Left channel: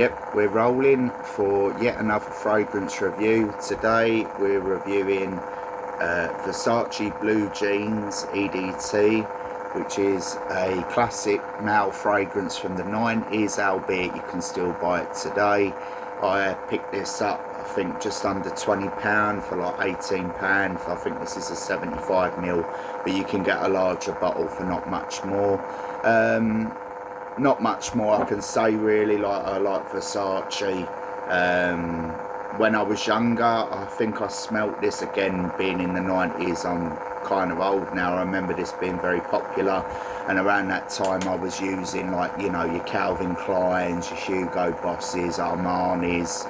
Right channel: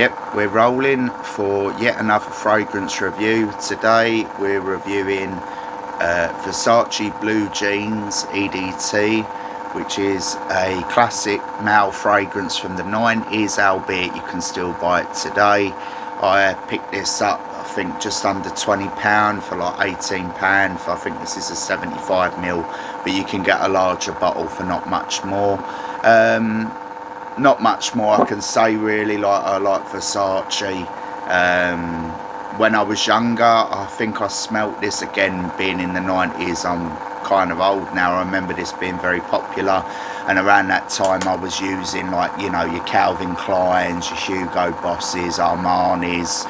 Yep, we're rolling for yet another fragrance review. Today we're reviewing Versace Blue Jeans EDT, which is a classic male fragrance from the 90s, albeit you can still buy it today. I picked this up, I think, just under £20 for like £18. I think this is a 75ml, but you can get a larger bottle for not much more. Not much more I can say really. Like, I like Versace. When I was younger, I think I smelt this, again being in the 90s, I'm kind of old now, I remember this being very popular, and around that time I was using, like, you know, your Calvin Kleins, your Hugo Bosses, Armani's.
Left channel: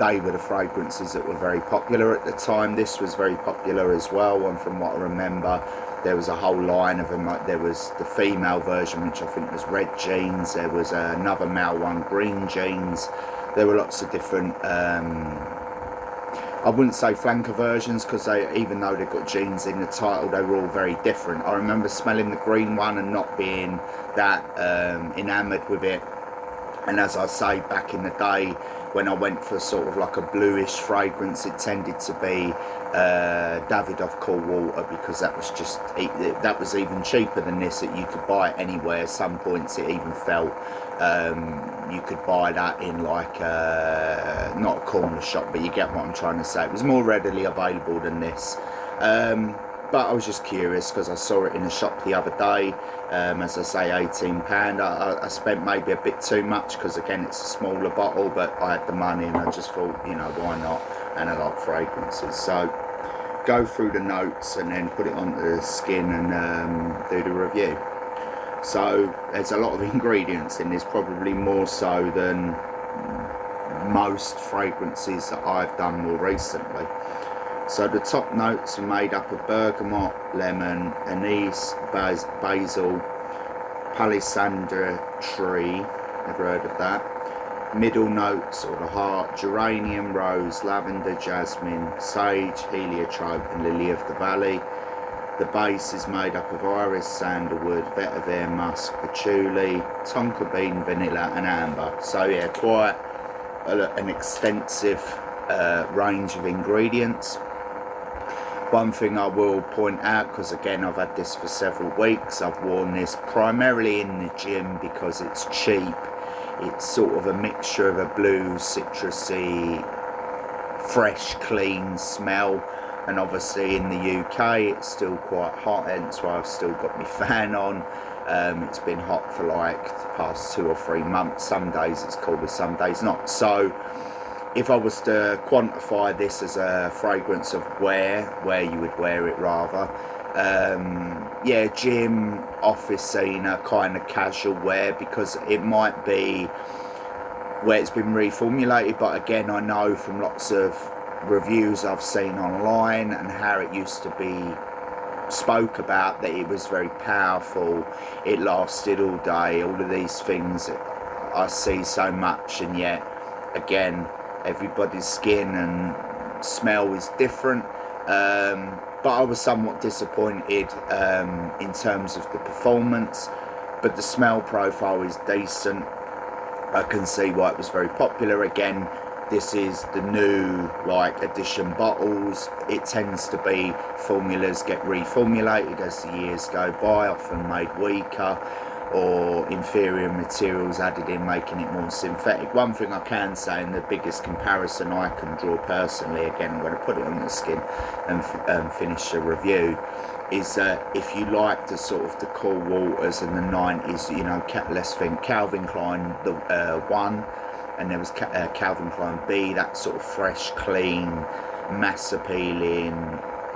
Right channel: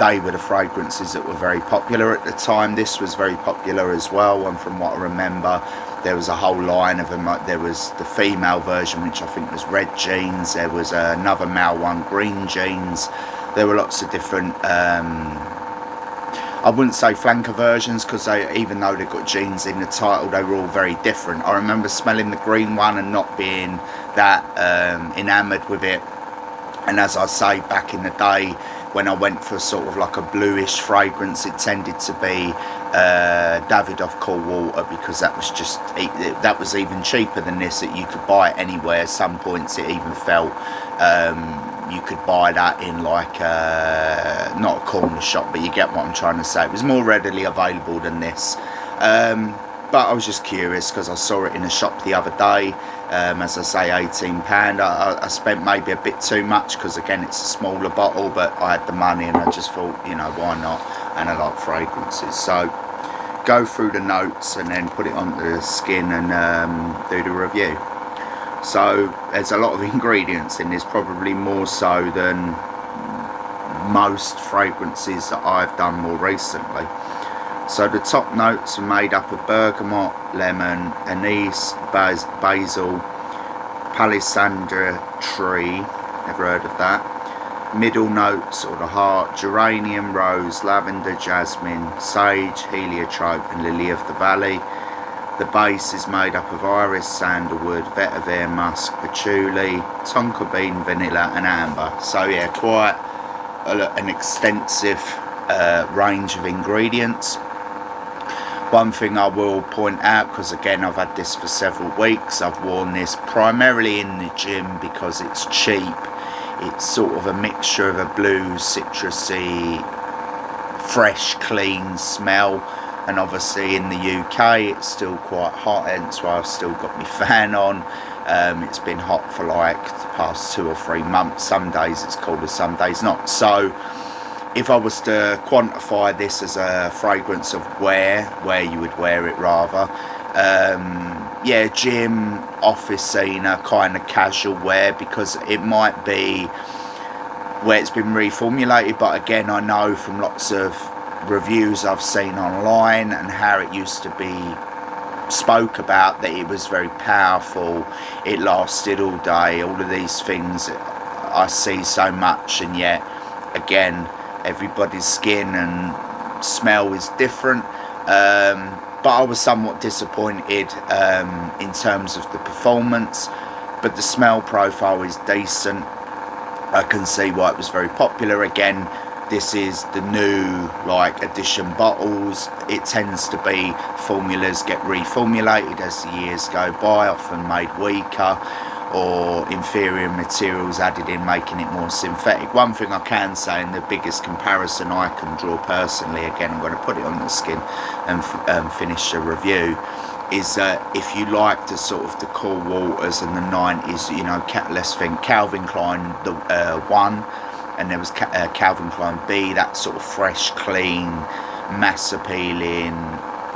They were the fragrances that were very popular at the time. This was very popular as well, and from what I remember, there was a whole line of them. Like, there was the female version, which I think was red jeans. There was another male one, green jeans. There were lots of different, I wouldn't say flanker versions, because even though they've got jeans in the title, they were all very different. I remember smelling the green one and not being that enamoured with it. And as I say, back in the day, when I went for sort of like a bluish fragrance, it tended to be Davidoff Cool Water, because that was just, that was even cheaper than this, that you could buy it anywhere. Some points it even felt you could buy that in, like, not a corner shop, but you get what I'm trying to say. It was more readily available than this. But I was just curious because I saw it in a shop the other day. As I say, £18. I spent maybe a bit too much because, again, it's a smaller bottle, but I had the money and I just thought, you know, why not? And I like fragrances. So go through the notes and then put it onto the skin and do the review. So there's a lot of ingredients in this, probably more so than most fragrances that I've done more recently. So the top notes are made up of bergamot, lemon, anise, basil, palisandra tree, never heard of that. Middle notes, or the heart, geranium, rose, lavender, jasmine, sage, heliotrope and lily of the valley. The base is made up of iris, sandalwood, vetiver, musk, patchouli, tonka bean, vanilla and amber. So yeah, quite an extensive range of ingredients. One thing I will point out, because again I've had this for several weeks, I've worn this primarily in the gym because it's cheap. It's sort of a mixture of a blue, citrusy, fresh, clean smell, and obviously in the UK it's still quite hot, hence why I've still got my fan on. It's been hot for like the past 2 or 3 months. Some days it's colder, some days not. So if I was to quantify this as a fragrance of where you would wear it rather, yeah, gym, office scene, kind of casual wear, because it might be where it's been reformulated. But again, I know from lots of reviews I've seen online and how it used to be spoke about, that it was very powerful, it lasted all day, all of these things I see so much, and yet again, everybody's skin and smell is different. But I was somewhat disappointed in terms of the performance, but the smell profile is decent. I can see why it was very popular. Again, this is the new, like, edition bottles. It tends to be formulas get reformulated as the years go by, often made weaker, or inferior materials added in, making it more synthetic. One thing I can say, and the biggest comparison I can draw personally, again I'm going to put it on the skin and finish the review, is that if you like the sort of the cool waters in the 90s, you know, let's think Calvin Klein the 1, and there was Calvin Klein B, that sort of fresh, clean, mass appealing,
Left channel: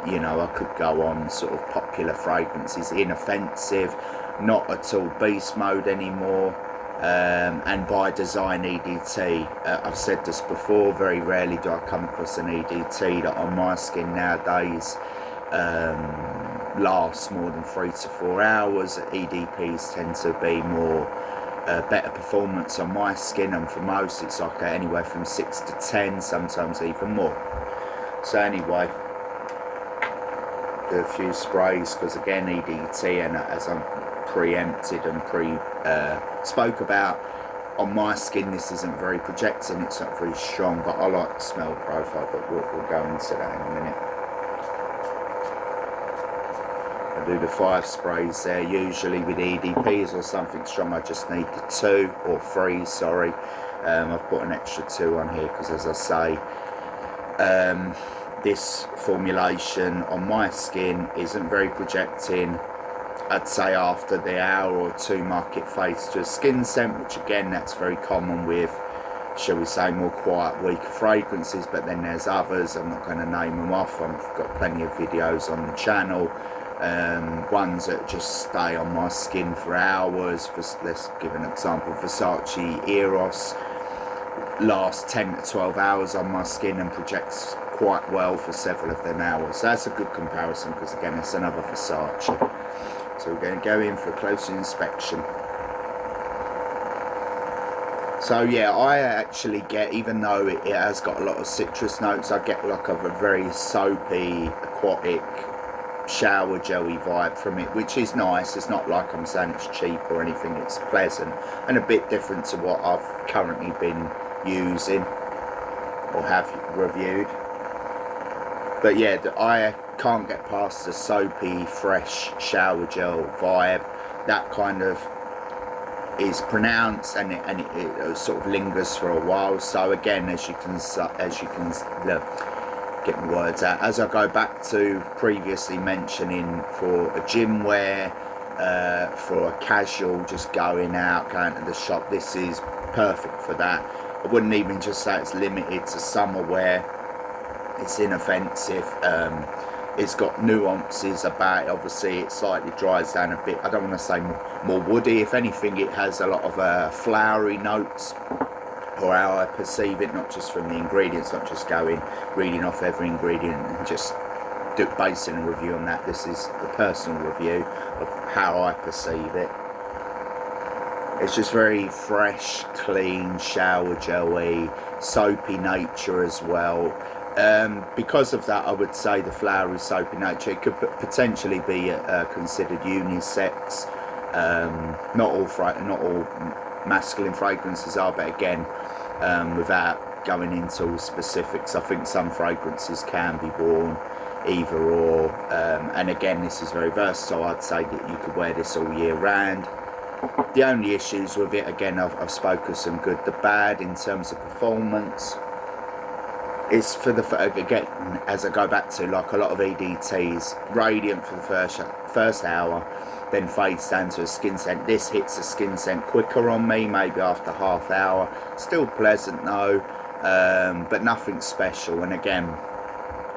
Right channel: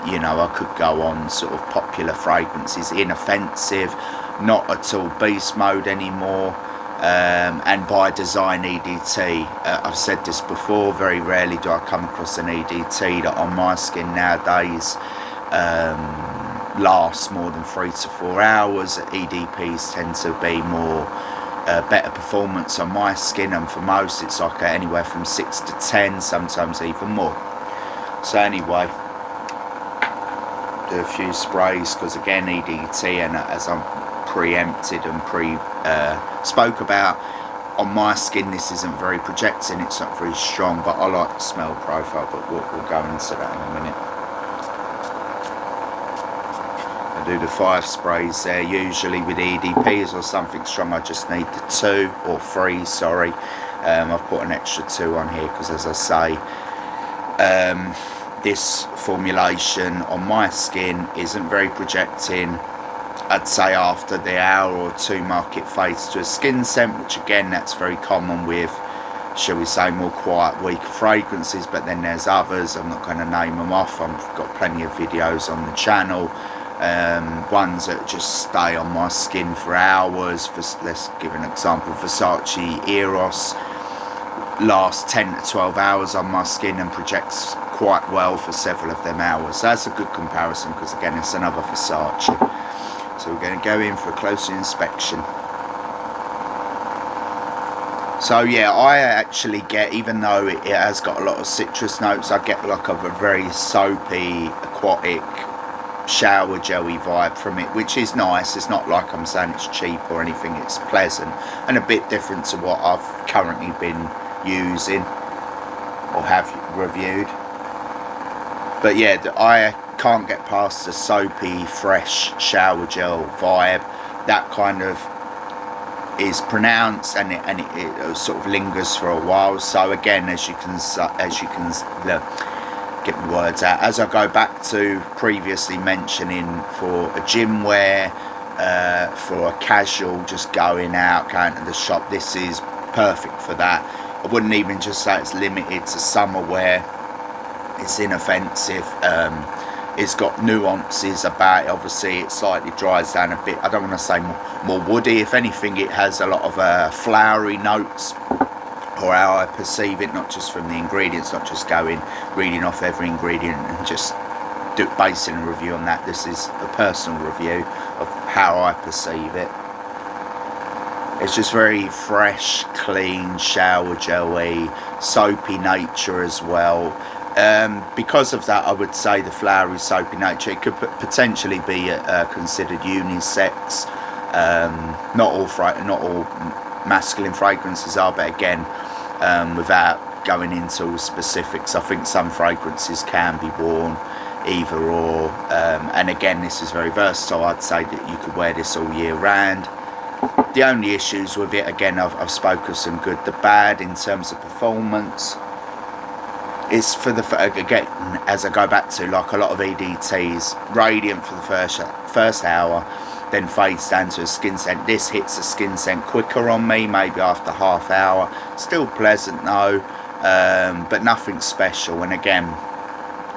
you know, I could go on, sort of popular fragrances, inoffensive, not at all beast mode anymore, and by design EDT. I've said this before, very rarely do I come across an EDT that on my skin nowadays lasts more than 3 to 4 hours. EDPs tend to be more better performance on my skin, and for most it's like anywhere from 6 to 10, sometimes even more. So anyway, do a few sprays, because again, EDT, and as I'm preempted and spoke about, on my skin this isn't very projecting, it's not very strong, but I like the smell profile, but we'll go into that in a minute. I do the 5 sprays there. Usually with EDPs or something strong I just need the 2 or 3, sorry. I've put an extra 2 on here because, as I say, this formulation on my skin isn't very projecting. I'd say after the hour or 2 mark it fades to a skin scent, which again, that's very common with, shall we say, more quiet, weak fragrances. But then there's others, I'm not going to name them off, I've got plenty of videos on the channel, ones that just stay on my skin for hours. Let's give an example. Versace Eros lasts 10 to 12 hours on my skin and projects quite well for several of them hours. So that's a good comparison, because again, it's another Versace. So we're going to go in for a closer inspection. So yeah, I actually get, even though it has got a lot of citrus notes, I get like a very soapy, aquatic, shower jelly vibe from it, which is nice. It's not like I'm saying it's cheap or anything, it's pleasant and a bit different to what I've currently been using or have reviewed. But yeah, I can't get past the soapy, fresh shower gel vibe. That kind of is pronounced, and it sort of lingers for a while. So again, as you can get my words out, as I go back to previously mentioning, for a gym wear, for a casual, just going to the shop, this is perfect for that. I wouldn't even just say it's limited to summer wear. It's inoffensive. It's got nuances about it. Obviously it slightly dries down a bit. I don't want to say more woody. If anything, it has a lot of flowery notes, or how I perceive it, not just from the ingredients, not just reading off every ingredient and just basing a review on that. This is a personal review of how I perceive it. It's just very fresh, clean, shower jelly, soapy nature as well. Because of that, I would say the flowery, soapy nature, it could potentially be considered unisex. Not all masculine fragrances are, but again, without going into all specifics, I think some fragrances can be worn either or. And again, this is very versatile. I'd say that you could wear this all year round. The only issues with it, again, I've spoken some good, the bad in terms of performance. It's for again, as I go back to, like a lot of EDTs, radiant for the first hour, then fades down to a skin scent. This hits a skin scent quicker on me, maybe after half hour. Still pleasant though, but nothing special. And again,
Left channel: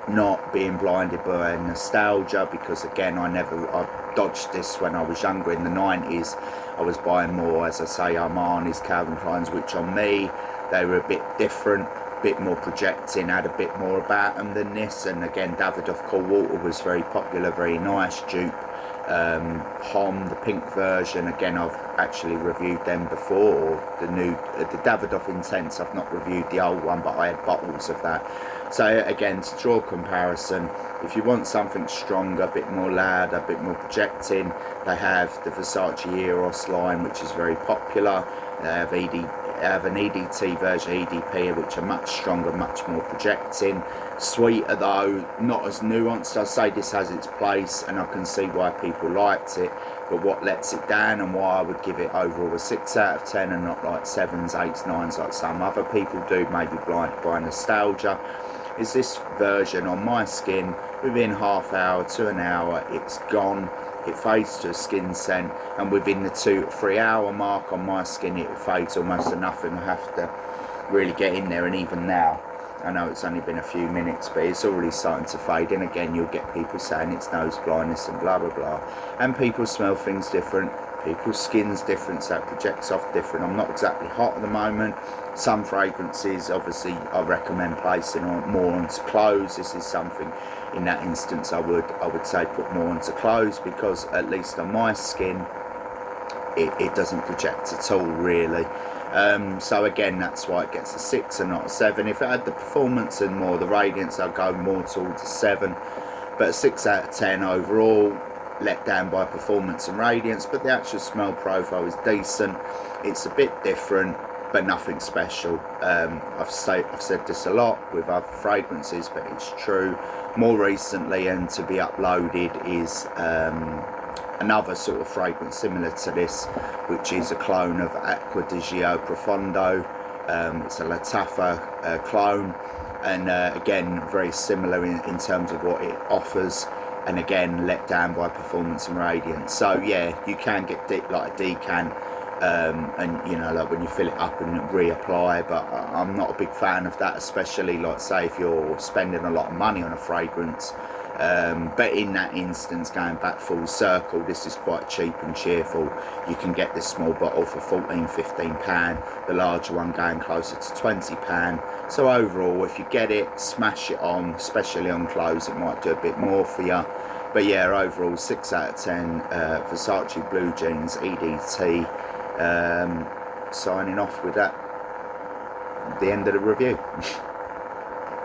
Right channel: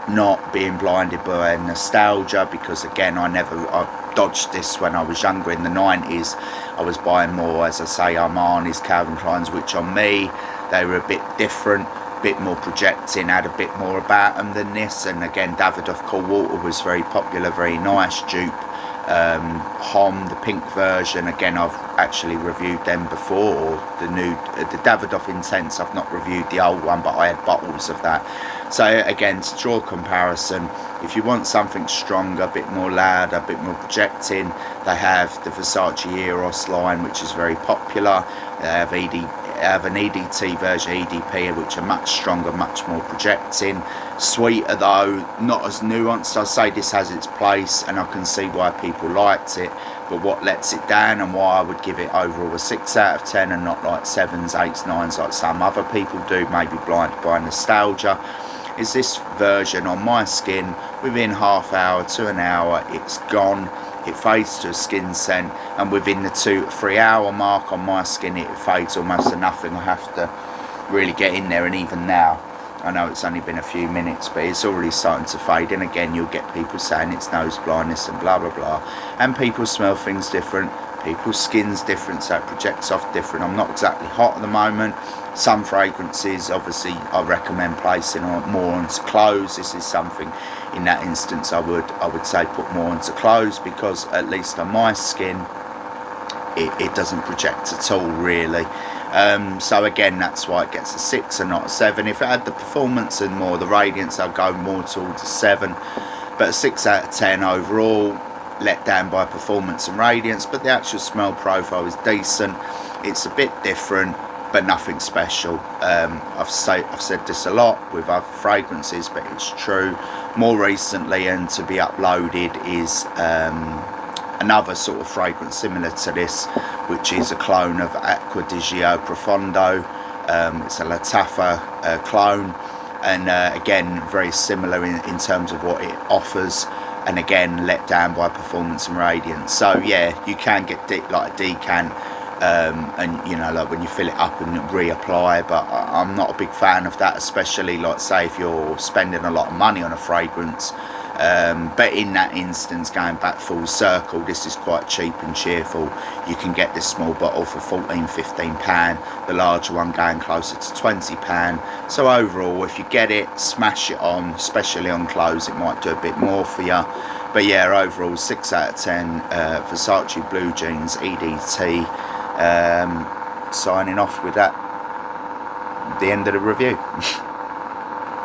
not being blinded by nostalgia, because again, I dodged this when I was younger in the 90s. I was buying more, as I say, Armani's, Calvin Klein's, which on me, they were a bit different, bit more projecting, had a bit more about them than this. And again, Davidoff Cool Water was very popular, very nice dupe. Hom, the pink version, again, I've actually reviewed them before. The Davidoff Intense, I've not reviewed the old one, but I had bottles of that. So again, to draw a comparison, if you want something stronger, a bit more loud, a bit more projecting, they have the Versace Eros line, which is very popular. They have an EDT version, EDP, which are much stronger, much more projecting. Sweeter though, not as nuanced. I say this has its place, and I can see why people liked it, but what lets it down, and why I would give it overall a 6 out of 10 and not like 7s, 8s, 9s like some other people do, maybe blinded by nostalgia, is this version on my skin, within half hour to an hour, it's gone. It fades to a skin scent, and within the 2 to 3 hour mark on my skin, it fades almost to nothing. I have to really get in there, and even now, I know it's only been a few minutes, but it's already starting to fade. And again, you'll get people saying it's nose blindness and blah blah blah, and people smell things different, people's skin's different, so it projects off different. I'm not exactly hot at the moment. Some fragrances, obviously, I recommend placing more onto clothes. This is something, in that instance, I would say put more onto clothes, because at least on my skin, it doesn't project at all, really. So again, that's why it gets a 6 and not a 7. If it had the performance and more the radiance, I'd go more towards a 7. But a 6 out of 10 overall, let down by performance and radiance. But the actual smell profile is decent. It's a bit different. but nothing special. I've said this a lot with other fragrances, but it's true. More recently, and to be uploaded, is another sort of fragrance similar to this, which is a clone of Acqua di Gio Profondo. It's a Lataffa clone, and again very similar in terms of what it offers, and again let down by performance and radiance. So yeah, you can get like a decant, and you know, like when you fill it up and reapply, but I'm not a big fan of that, especially like say if you're spending a lot of money on a fragrance. But in that instance, going back full circle, this is quite cheap and cheerful. You can get this small bottle for £14–15, the larger one going closer to £20. So overall, if you get it, smash it on, especially on clothes, it might do a bit more for you. But yeah, overall 6 out of 10. Versace Blue Jeans EDT. Signing off with that, the end of the review.